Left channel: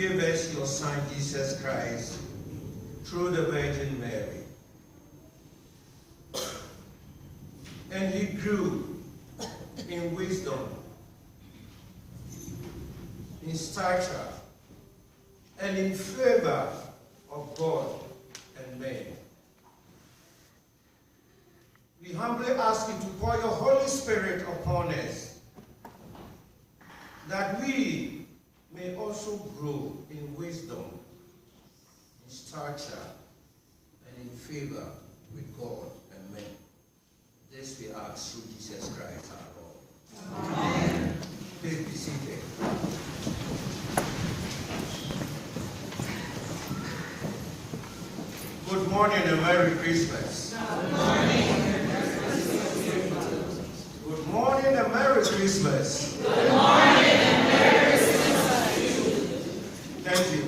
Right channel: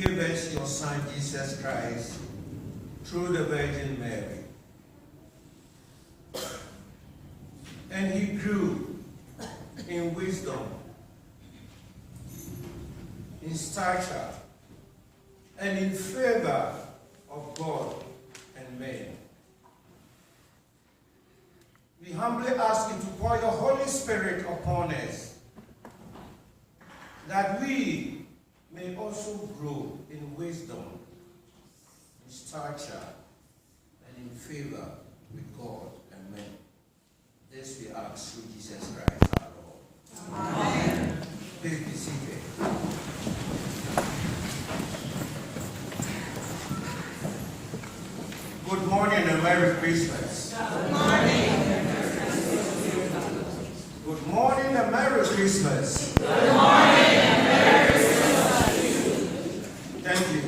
gave us your Son, Jesus Christ, through the Virgin Mary. And he grew in wisdom, in stature, and in favor of God and men. We humbly ask you to pour your Holy Spirit upon us, that we may also grow in wisdom, in stature, and in favor with God and men. This we ask through Jesus Christ our Lord. Amen. Please be seated. Good morning and Merry Christmas. Good morning. Good morning and Merry Christmas. Good morning and Merry Christmas. Thank you.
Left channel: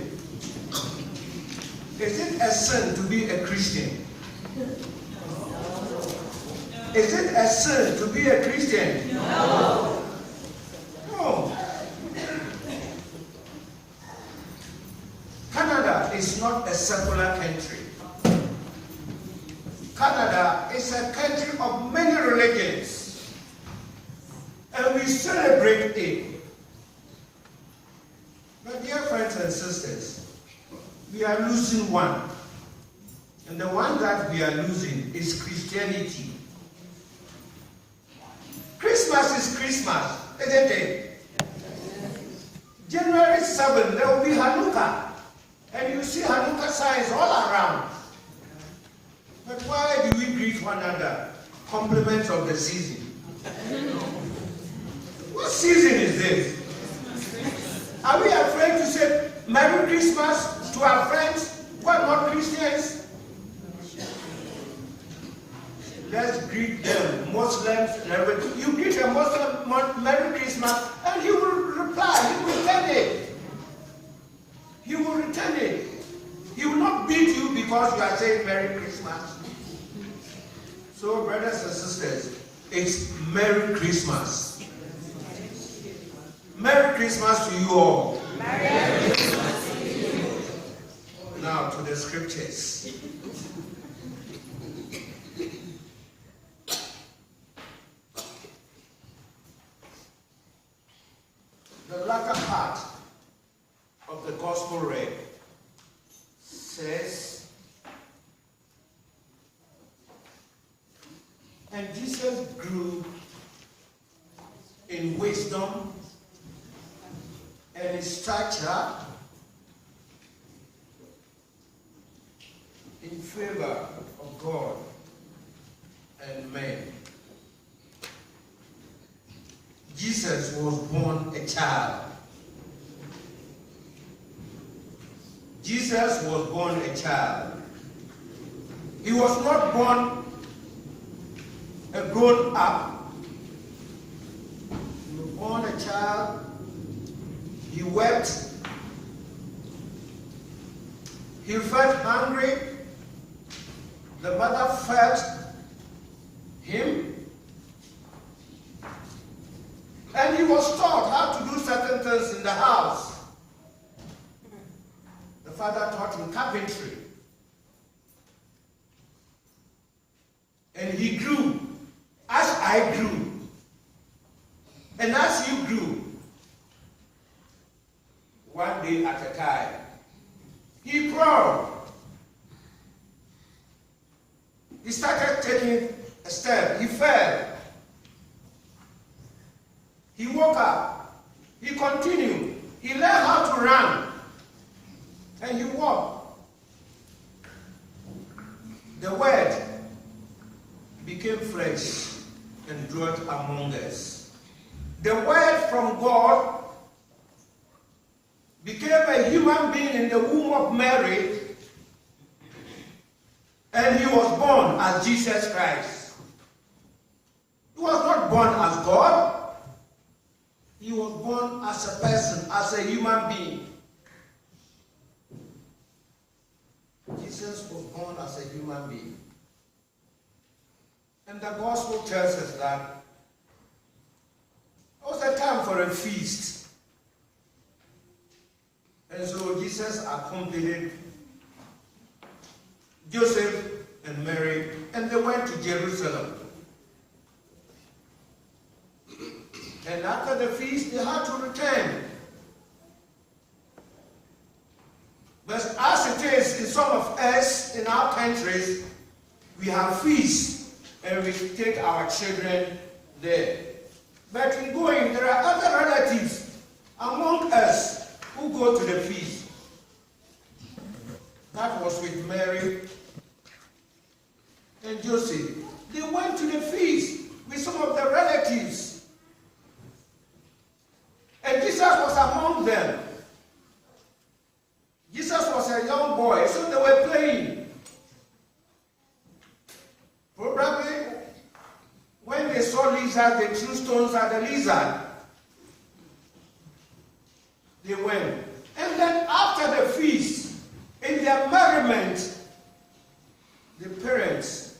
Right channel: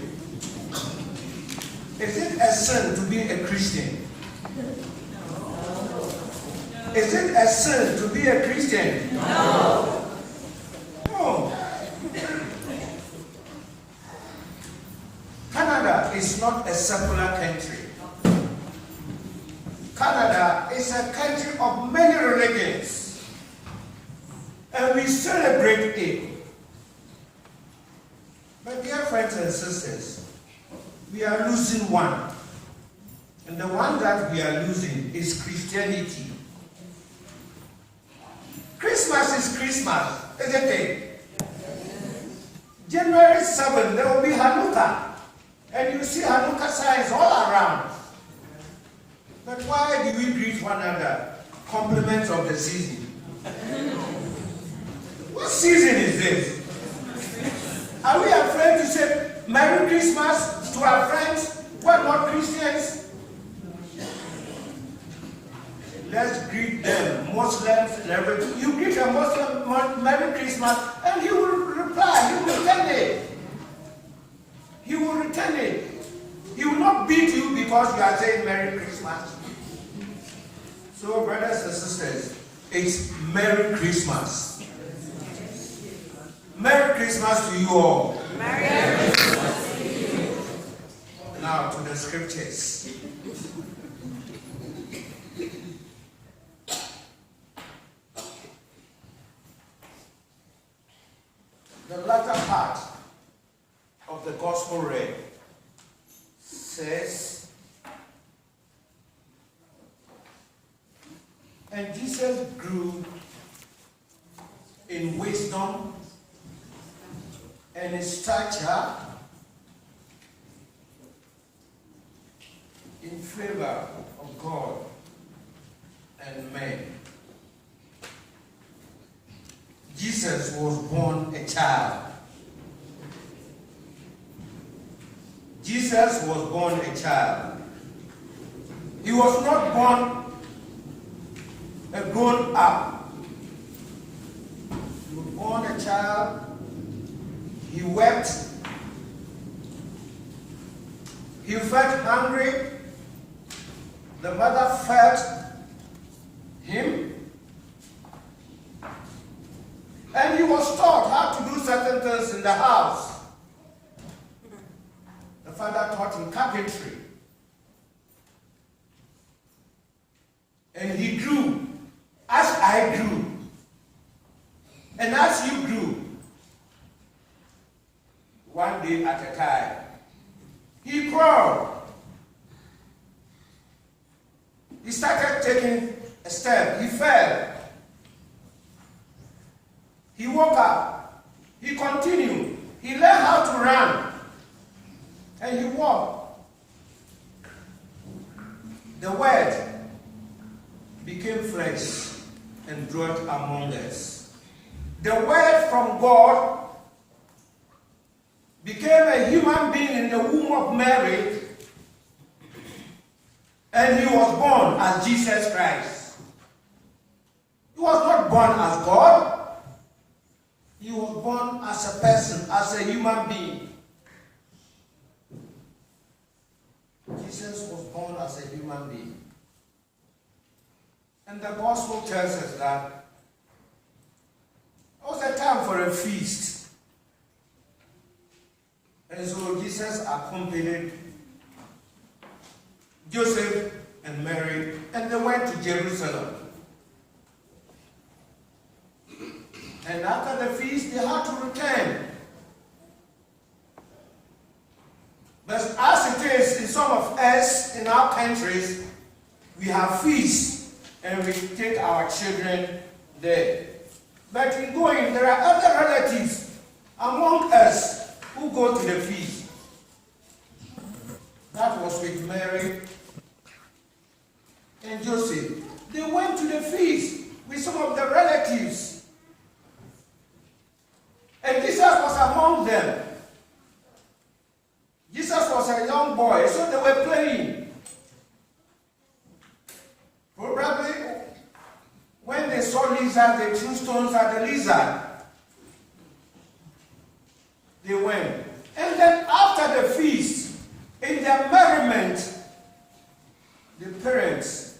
Is it a sin to be a Christian? Is it a sin to be a Christian? No. No. Canada is not a secular country. Canada is a country of many religions, and we celebrate it. My dear friends and sisters, we are losing one, and the one that we are losing is Christianity. Christmas is Christmas, isn't it? January 7th, there will be Hanukkah, and you see Hanukkah signs all around. But why do we greet one another? Compliments of the season. What season is this? Are we afraid to say Merry Christmas to our friends who are not Christians? Let's greet them, Muslims. You greet a Muslim Merry Christmas, and he will reply, he will return it. He will return it. He will not beat you because you are saying Merry Christmas. So, brothers and sisters, it's Merry Christmas. Merry Christmas to you all. Merry Christmas to you. Now to the scriptures. The latter part of the gospel read says, and Jesus grew in wisdom and in stature, in favor of God and men. Jesus was born a child. Jesus was born a child. He was not born a grown up. He was born a child. He wept. He felt hungry. The mother fed him. And he was taught how to do certain things in the house. The father taught him carpentry. And he grew as I grew. And as you grew, one day at a time. He crawled. He started taking a step. He fell. He woke up. He continued. He learned how to run. And he walked. The word became flesh and dwelt among us. The word from God became a human being in the womb of Mary, and he was born as Jesus Christ. He was not born as God. He was born as a person, as a human being. Jesus was born as a human being. And the gospel tells us that it was a time for a feast. And so Jesus accompanied Joseph and Mary, and they went to Jerusalem. And after the feast, they had to return. But as it is in some of us in our countries, we have feasts and we take our children there. But in going, there are other relatives among us who go to the feast. That was with Mary and Joseph. They went to the feast with some of the relatives. And Jesus was among them. Jesus was a young boy, so they were playing. Probably when they saw lizards, they threw stones at the lizard. They went. And then after the feast, in their merriment, the parents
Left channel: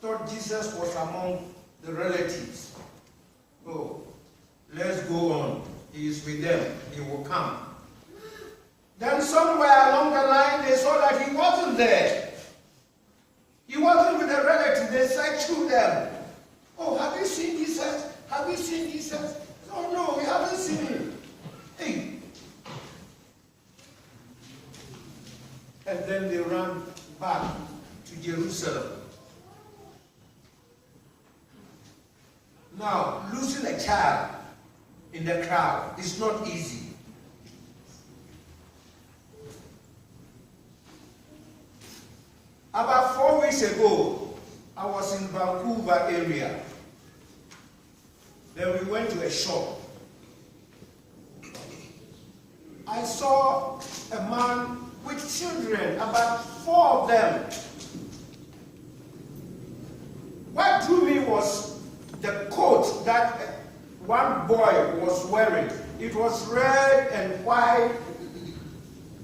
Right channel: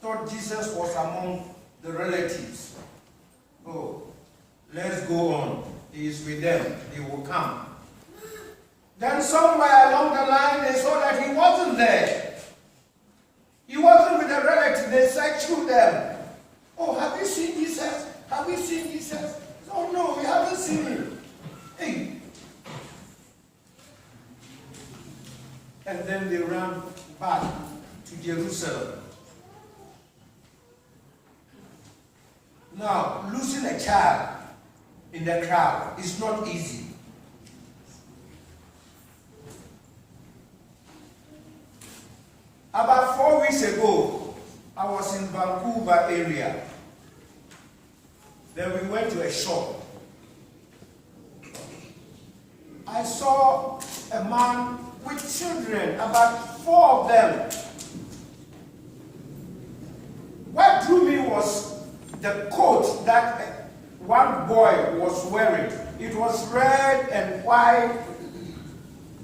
thought Jesus was among the relatives. Oh, let's go on. He is with them. He will come. Then somewhere along the line, they saw that he wasn't there. He wasn't with the relatives. They said to them, oh, have you seen Jesus? Have you seen Jesus? Oh, no, we haven't seen him. Hey. And then they ran back to Jerusalem. Now, losing a child in the crowd is not easy. About 4 weeks ago, I was in Vancouver area. Then we went to a shop. I saw a man with children, about 4 of them. What drew me was the coat that one boy was wearing. It was red and white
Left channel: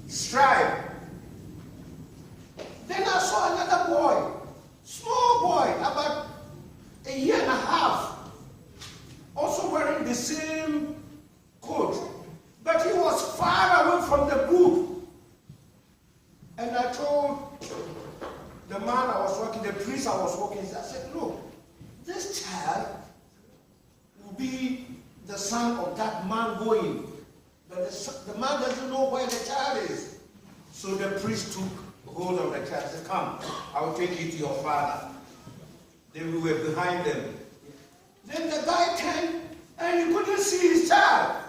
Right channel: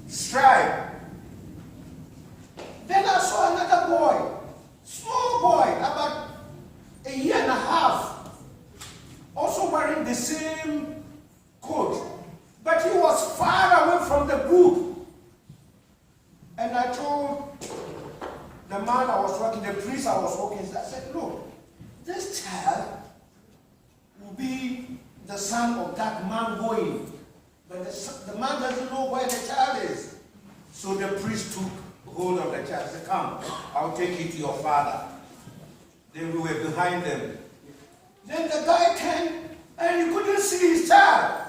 stripe. Then I saw another boy, small boy, about a year and a half, also wearing the same coat. But he was far away from the group. And I told the man I was working, the priest I was working, I said, look, this child will be the son of that man going. But the man doesn't know where the child is. So the priest took hold of the child and said, come, I'll take you to your father. Then we were behind them. Then the guy came and you couldn't see his child.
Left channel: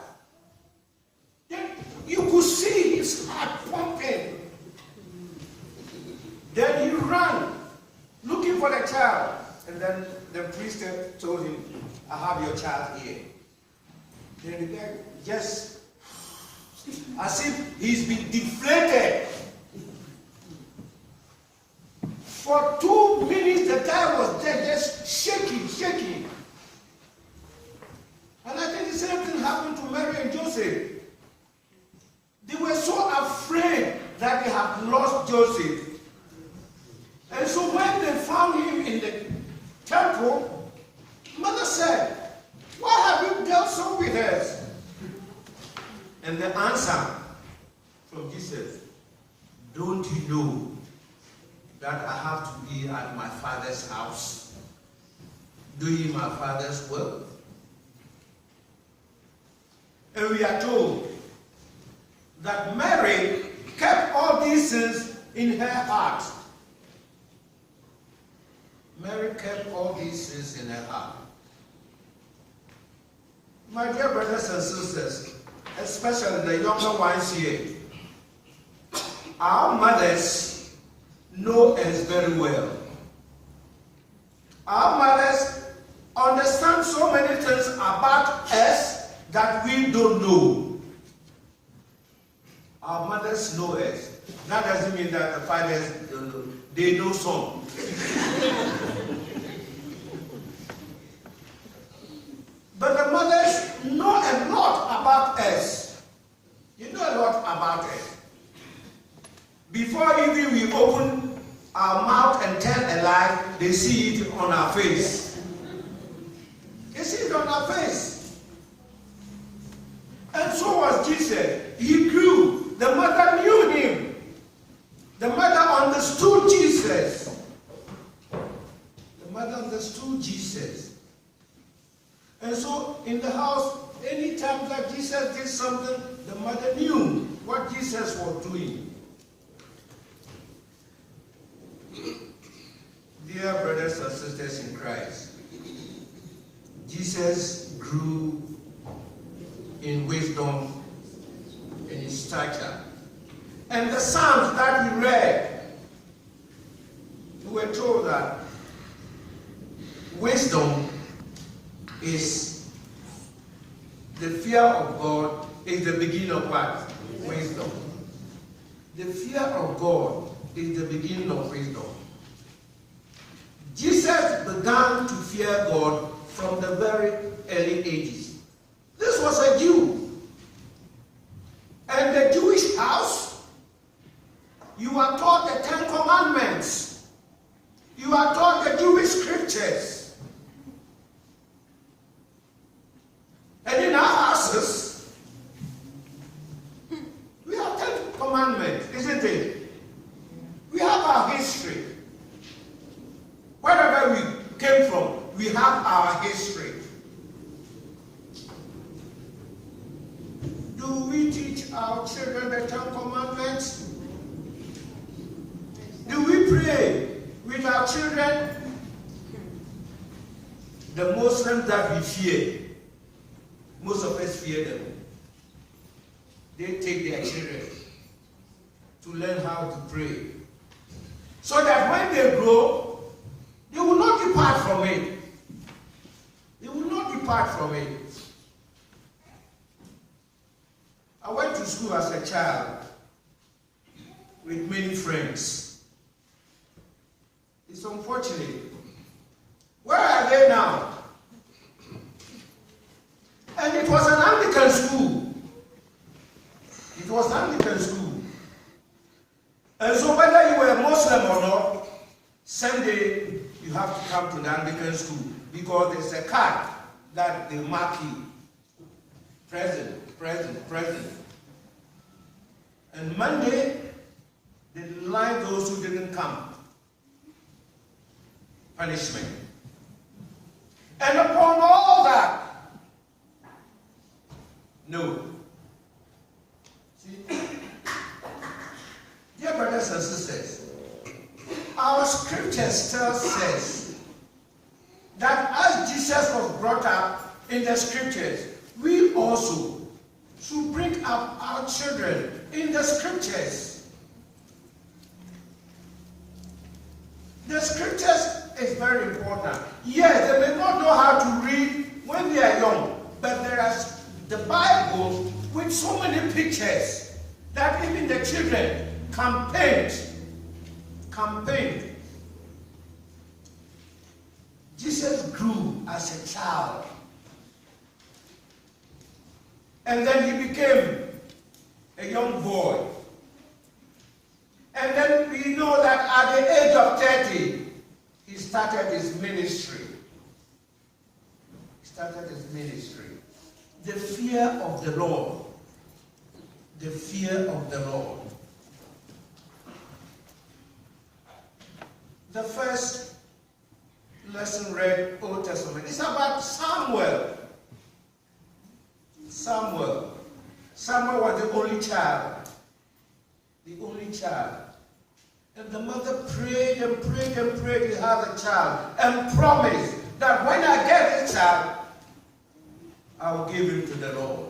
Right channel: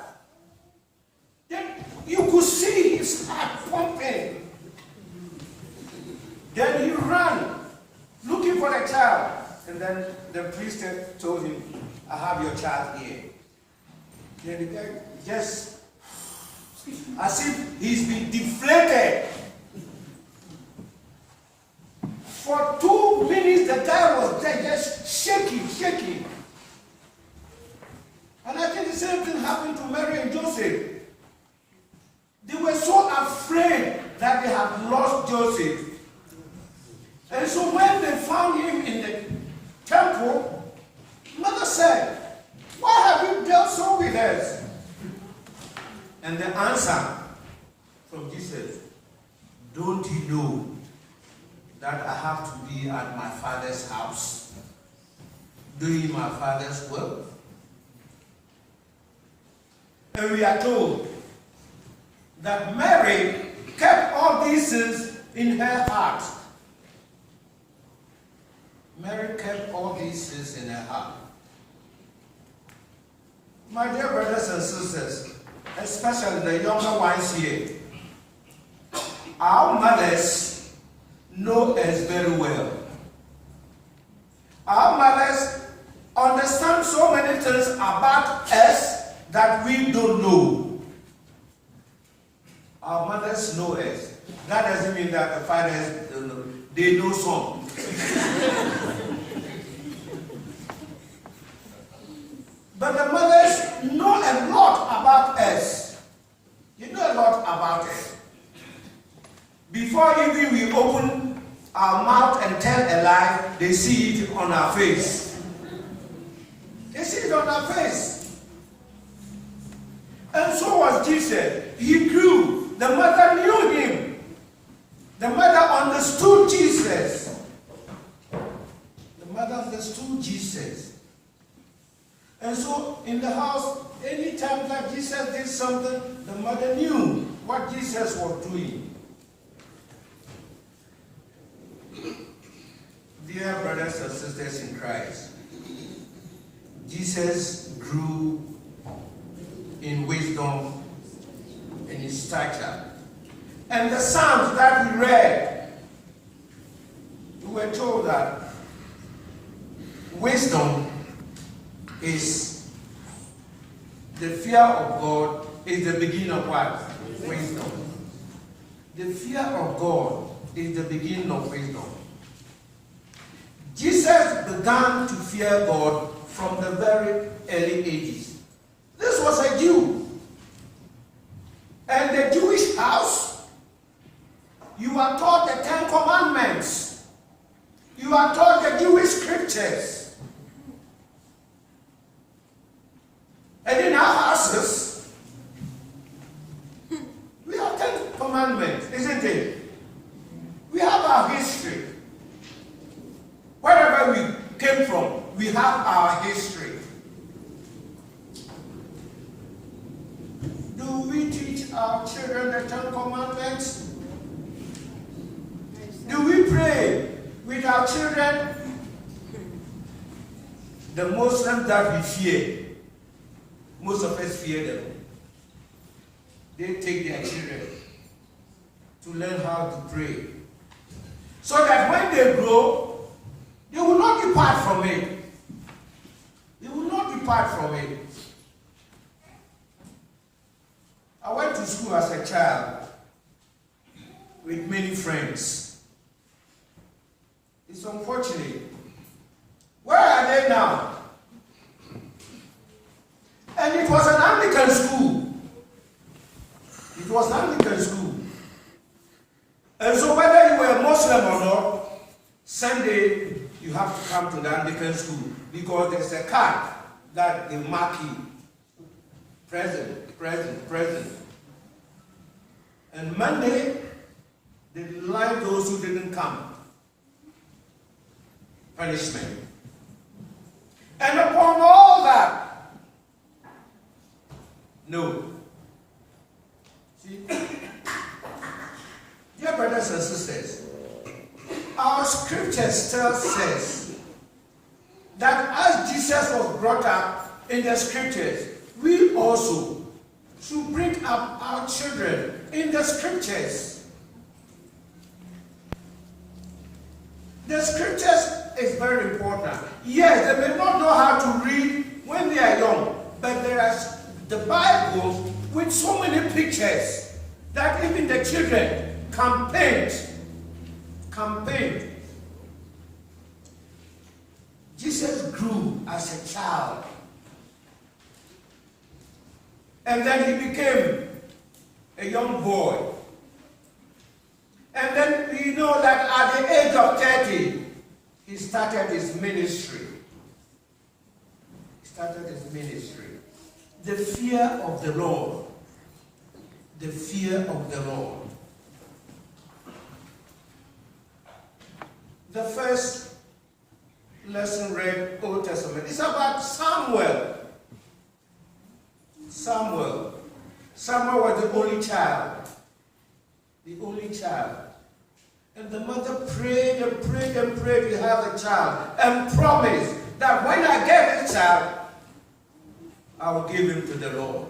Then you could see his heart pumping. Then he ran looking for the child. And then the priest told him, I have your child here. Then the guy just, as if he's been deflated. For 2 minutes, the guy was there just shaking. And I think the same thing happened to Mary and Joseph. They were so afraid that they had lost Joseph. And so when they found him in the temple, mother said, why have you dealt so with us? And the answer from Jesus, don't you know that I have to be at my father's house, doing my father's will? And we are told that Mary kept all these things in her heart. Mary kept all these things in her heart. My dear brothers and sisters, especially the younger ones here, our mothers know us very well. Our mothers understand so many things about us that we don't know. Our mothers know us. That doesn't mean that the fathers don't know. They know some. But the mothers know a lot about us. You know a lot about us. Before even we open our mouth and tell a lie, they see it on our face. They see it on our face. And so was Jesus. He grew. The mother knew him. The mother understood Jesus. The mother understood Jesus. And so in the house, anytime that Jesus did something, the mother knew what Jesus was doing. Dear brothers and sisters in Christ, Jesus grew in wisdom and in stature. And the Psalms that we read, we were told that wisdom is the fear of God is the beginning of what? Wisdom. The fear of God is the beginning of wisdom. Jesus began to fear God from the very early ages. This was a Jew. And the Jewish house, you are taught the Ten Commandments. You are taught the Jewish scriptures. And in our houses, we have 10 commandments, isn't it? We have our history. Wherever we came from, we have our history. Do we teach our children the Ten Commandments? Do we pray with our children? The Muslims that we fear, most of us fear them. They take their children to learn how to pray. So that when they grow, they will not depart from it. They will not depart from it. I went to school as a child with many friends. It's unfortunate. Where are they now? And it was an Anglican school. It was an Anglican school. And so whether you were Muslim or not, Sunday you have to come to the Anglican school because there's a card that they mark you. Present, present, present. And Monday, they line those who didn't come. Punishment. And upon all that, no. See, dear brothers and sisters, our scriptures tell us that as Jesus was brought up in the scriptures, we also should bring up our children in the scriptures. The scriptures is very important. Yes, they may not know how to read when they are young, but there are the Bible with so many pictures that even the children can paint. Jesus grew as a child. And then he became a young boy. And then we know that at the age of 30, he started his ministry. The fear of the Lord. The fear of the Lord. The first lesson read Old Testament. It's about Samuel. Samuel was the only child. And the mother prayed and prayed and prayed to have a child and promised that when I get a child, I will give him to the Lord.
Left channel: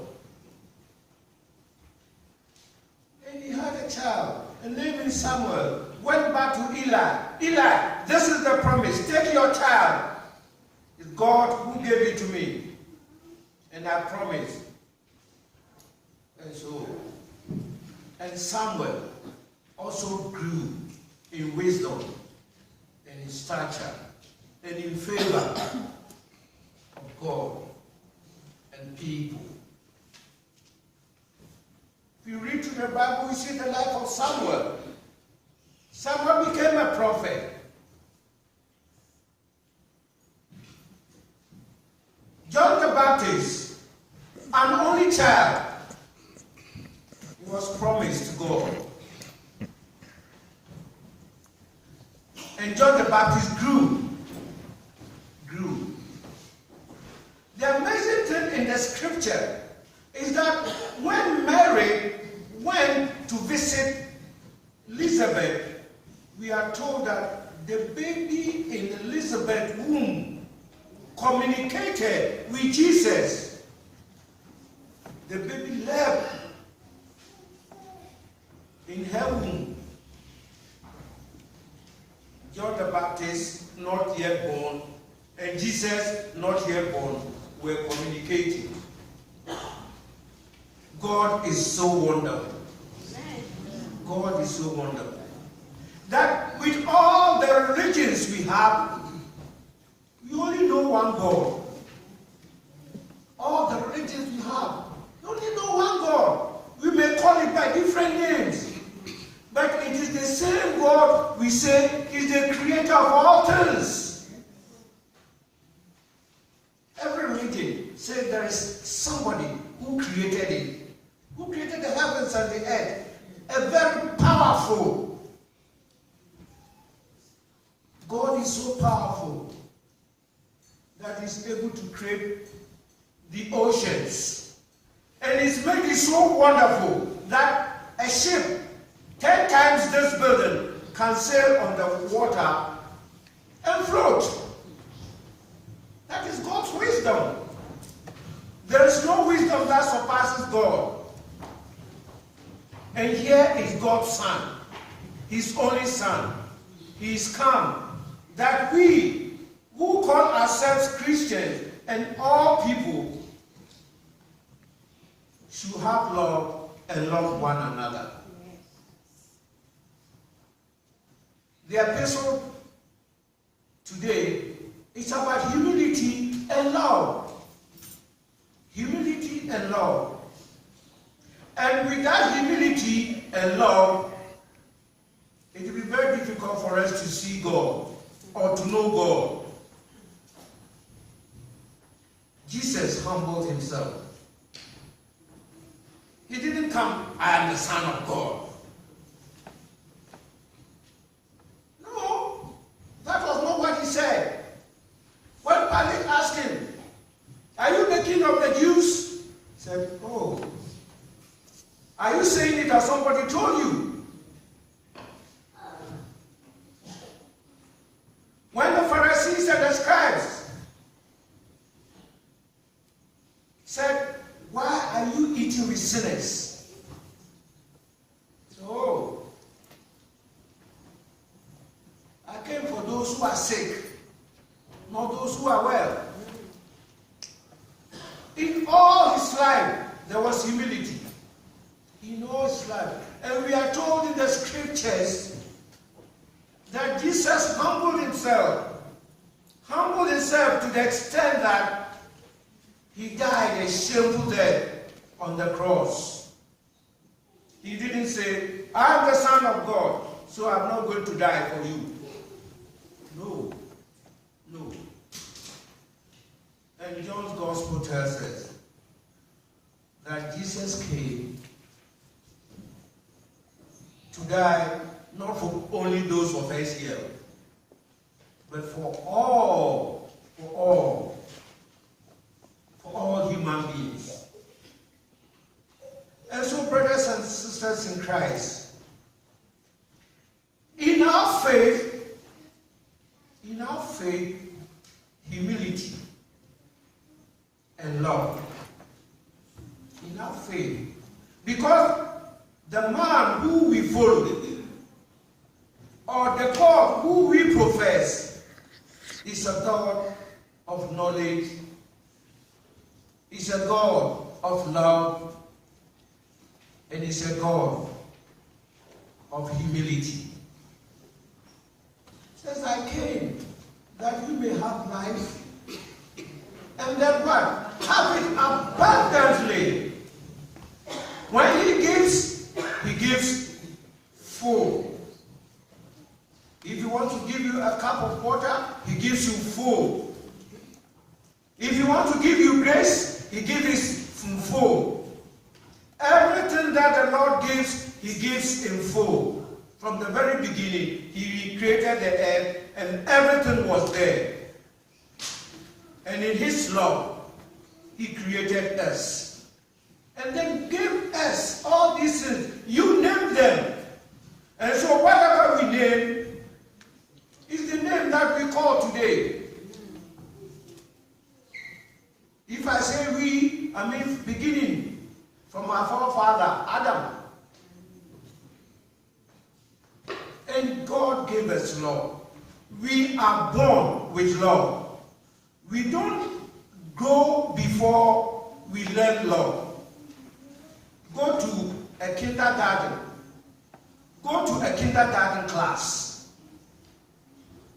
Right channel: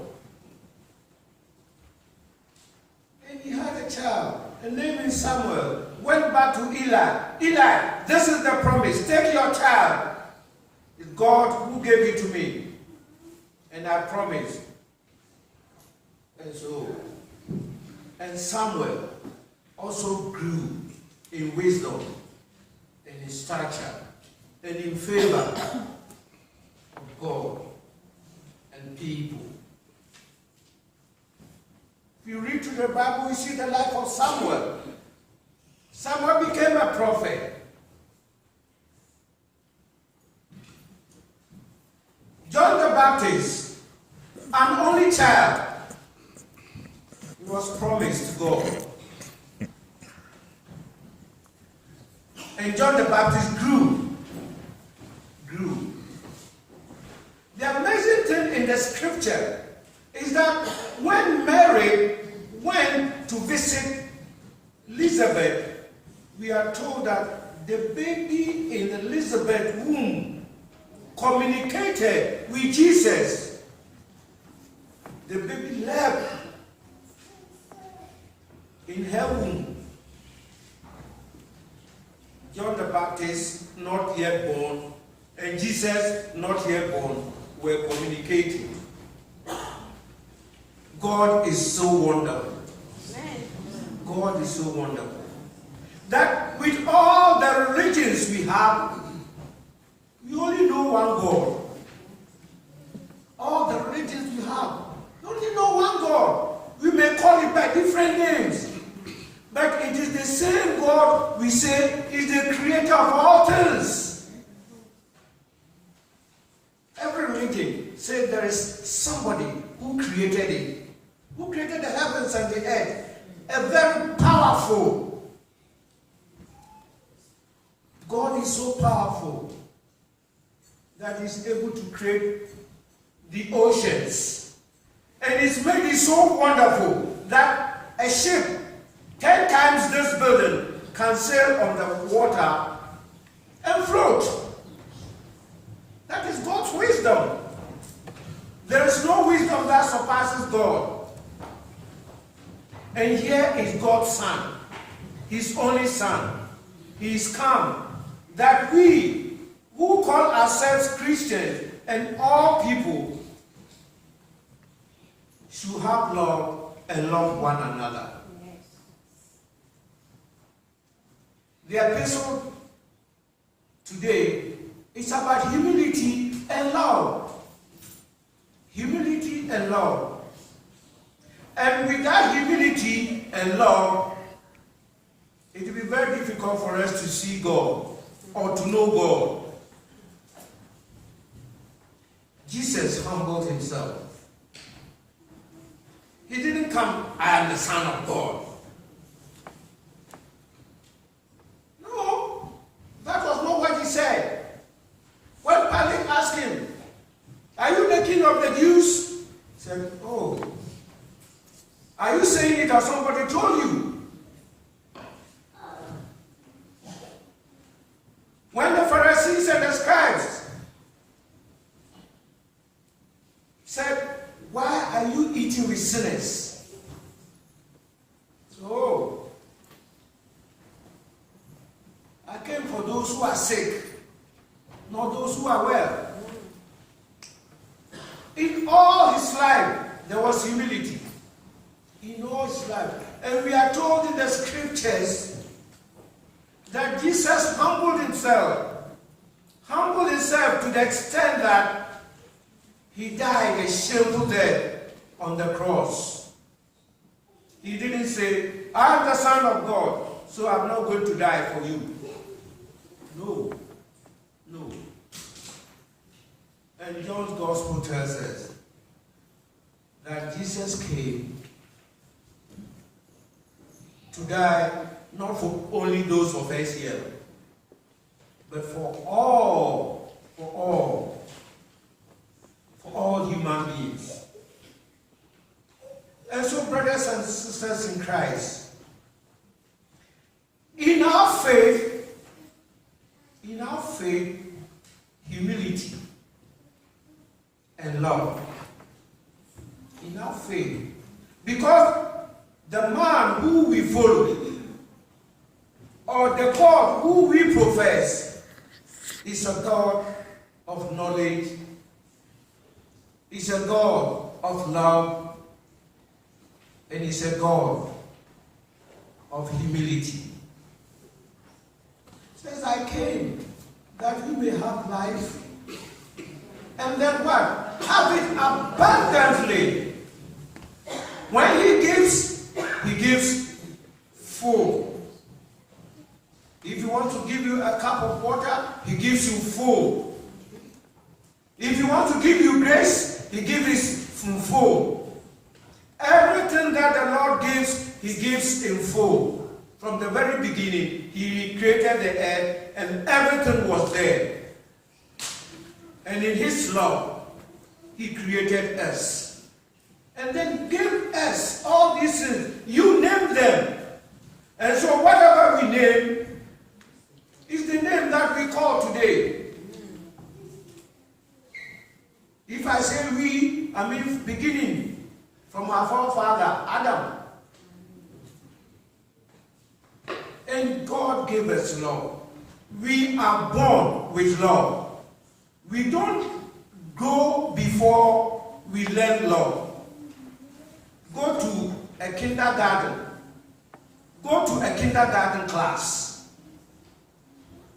And he had a child, and named Samuel. Went back to Eli. Eli, this is the promise. Take your child. It's God who gave it to me. And I promise. And Samuel also grew in wisdom and in stature and in favor of God and people. If you read through the Bible, you see the life of Samuel. Samuel became a prophet. John the Baptist, an only child, was promised to God. And John the Baptist grew. The amazing thing in the scripture is that when Mary went to visit Elizabeth, we are told that the baby in Elizabeth's womb communicated with Jesus. The baby leapt in her womb. John the Baptist, not yet born, and Jesus, not yet born, were communicating. God is so wonderful. God is so wonderful. That with all the religions we have, we only know one God. All the religions we have, we only know one God. We may call it by different names. But it is the same God we say is the creator of all things. Every religion says there is somebody who created it, who created the heavens and the earth. A very powerful. God is so powerful that he's able to create the oceans. And he's made it so wonderful that a ship 10 times this building can sail on the water and float. That is God's wisdom. There is no wisdom that surpasses God. And here is God's Son, his only Son. He is come that we who call ourselves Christians and all people should have love and love one another. The epistle today is about humility and love. Humility and love. And with that humility and love, it will be very difficult for us to see God or to know God. Jesus humbled himself. He didn't come, I am the Son of God. No, that was not what he said. When Pilate asked him, are you the king of the Jews? He said, oh. Are you saying it as somebody told you? When the Pharisees and the scribes said, why are you eating with sinners? Oh, I came for those who are sick, not those who are well. In all his life, there was humility. In all his life. And we are told in the scriptures that Jesus humbled himself to the extent that he died a shameful death on the cross. He didn't say, I am the Son of God, so I'm not going to die for you. No. No. And John's Gospel tells us that Jesus came to die not for only those of us here, but for all human beings. And so, brothers and sisters in Christ, in our faith, humility and love. In our faith. Because the man who we follow, or the God who we profess, is a God of knowledge, is a God of love, and is a God of humility. It says, I came that you may have life, and then what? Have it abundantly. When he gives full. If he wants to give you a cup of water, he gives you full. If he wants to give you grace, he gives it full. Everything that the Lord gives, he gives in full. From the very beginning, he created the earth and everything was there. And in his love, he created us. And then gave us all these things. You name them. And so whatever we name is the name that we call today. If I say we, I mean beginning from our forefather, Adam. And God gave us love. We are born with love. We don't go before we learn love. Go to a kindergarten. Go to a kindergarten class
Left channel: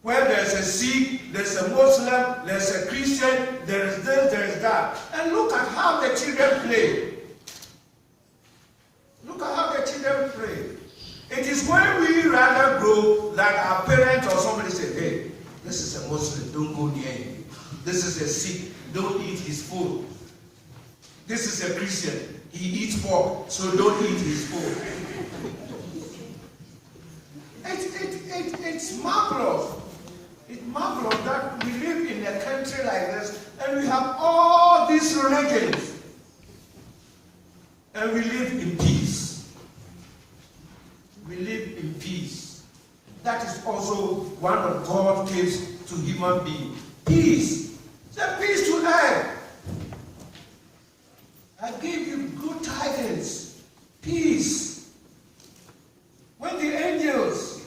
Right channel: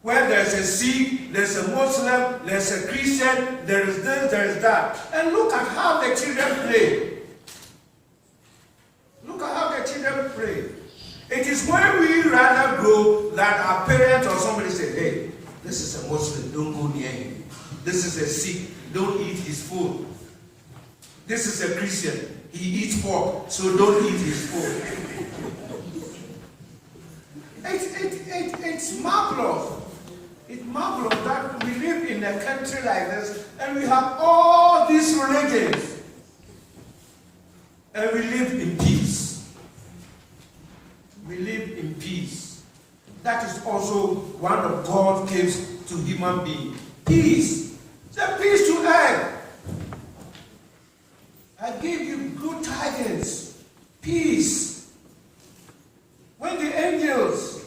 where there's a Sikh, there's a Muslim, there's a Christian, there is this, there is that. And look at how the children play. Look at how the children play. It is when we rather grow that our parents or somebody say, hey, this is a Muslim, don't go near him. This is a Sikh, don't eat his food. This is a Christian, he eats pork, so don't eat his food. It's marvelous. It's marvelous that we live in a country like this and we have all these religions and we live in peace. We live in peace. That is also one of God's gifts to human beings. Peace. Say peace to earth. I give you good tidings. Peace. When the angels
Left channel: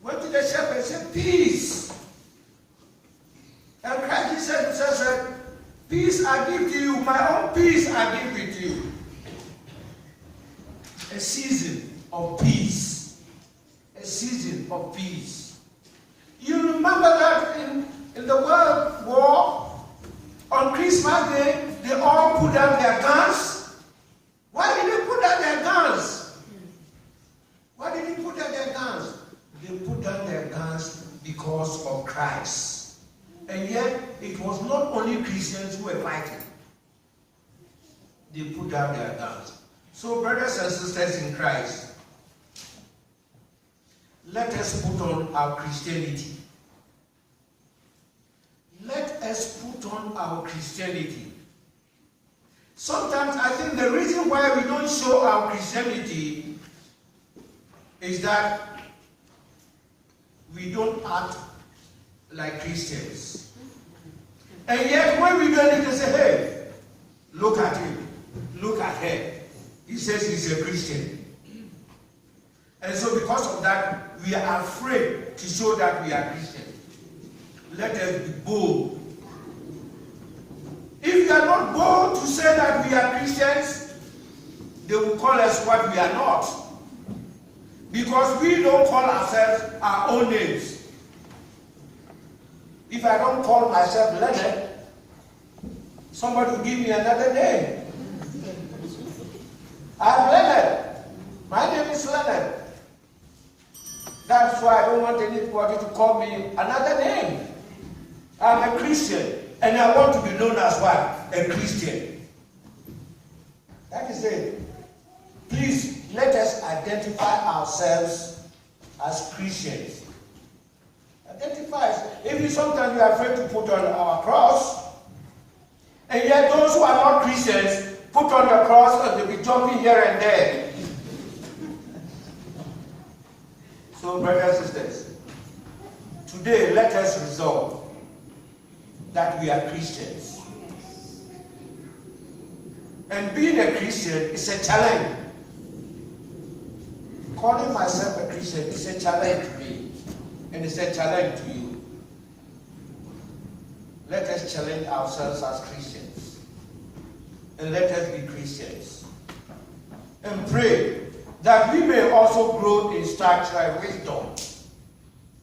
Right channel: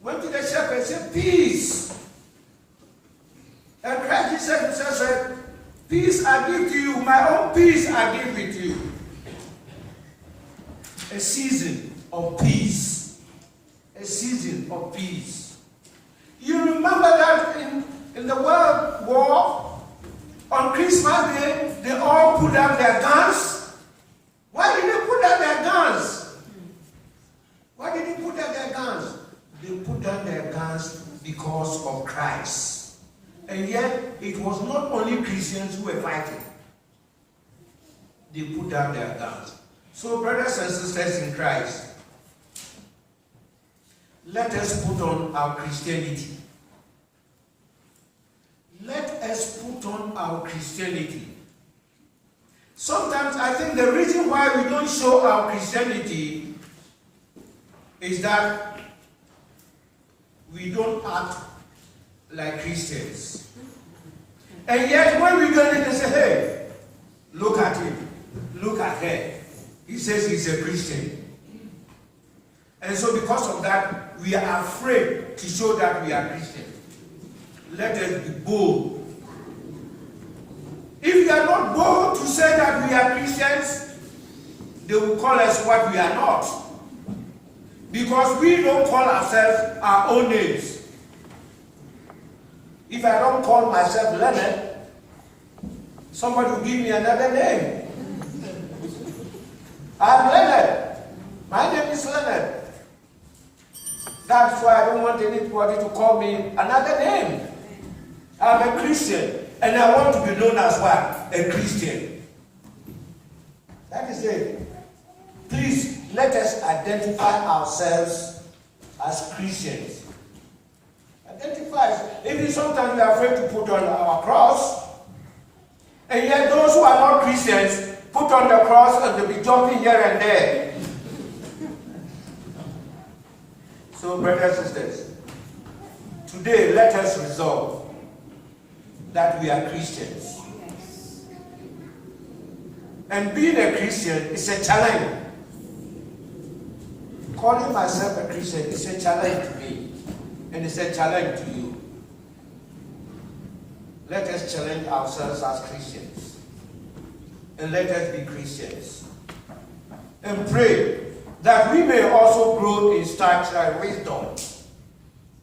went to the shepherd and said, peace. And Christ Jesus said, peace I give to you, my own peace I give it to you. A season of peace. A season of peace. You remember that in the World War, on Christmas Day, they all put down their guns. Why did they put down their guns? Why did they put down their guns? They put down their guns because of Christ. And yet, it was not only Christians who were fighting. They put down their guns. So, brothers and sisters in Christ, let us put on our Christianity. Let us put on our Christianity. Sometimes I think the reason why we don't show our Christianity is that we don't act like Christians. And yet when we go in and say, hey, look at him, look at her. He says he's a Christian. And so because of that, we are afraid to show that we are Christian. Let us be bold. If we are not bold to say that we are Christians, they will call us what we are not. Because we don't call ourselves our own names. If I don't call myself Leonard, somebody will give me another name. I'm Leonard. My name is Leonard. That's why I don't want anybody to call me another name. I'm a Christian. And I want to be known as what? A Christian. That is it. Please, let us identify ourselves as Christians. Identify us. Even sometimes we are afraid to put on our cross. And yet those who are not Christians put on the cross and they'll be jumping here and there. So, brothers and sisters, today let us resolve that we are Christians. And being a Christian is a challenge. Calling myself a Christian is a challenge to me. And it's a challenge to you. Let us challenge ourselves as Christians. And let us be Christians. And pray that we may also grow in stature and wisdom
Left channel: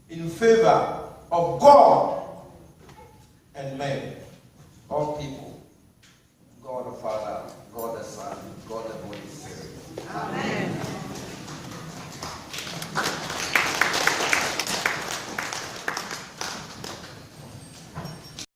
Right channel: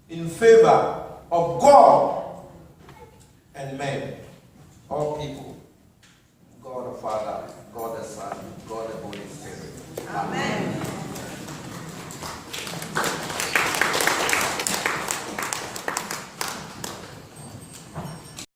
in favor of God and men, all people, God the Father, God the Son, God the Holy Spirit. Amen.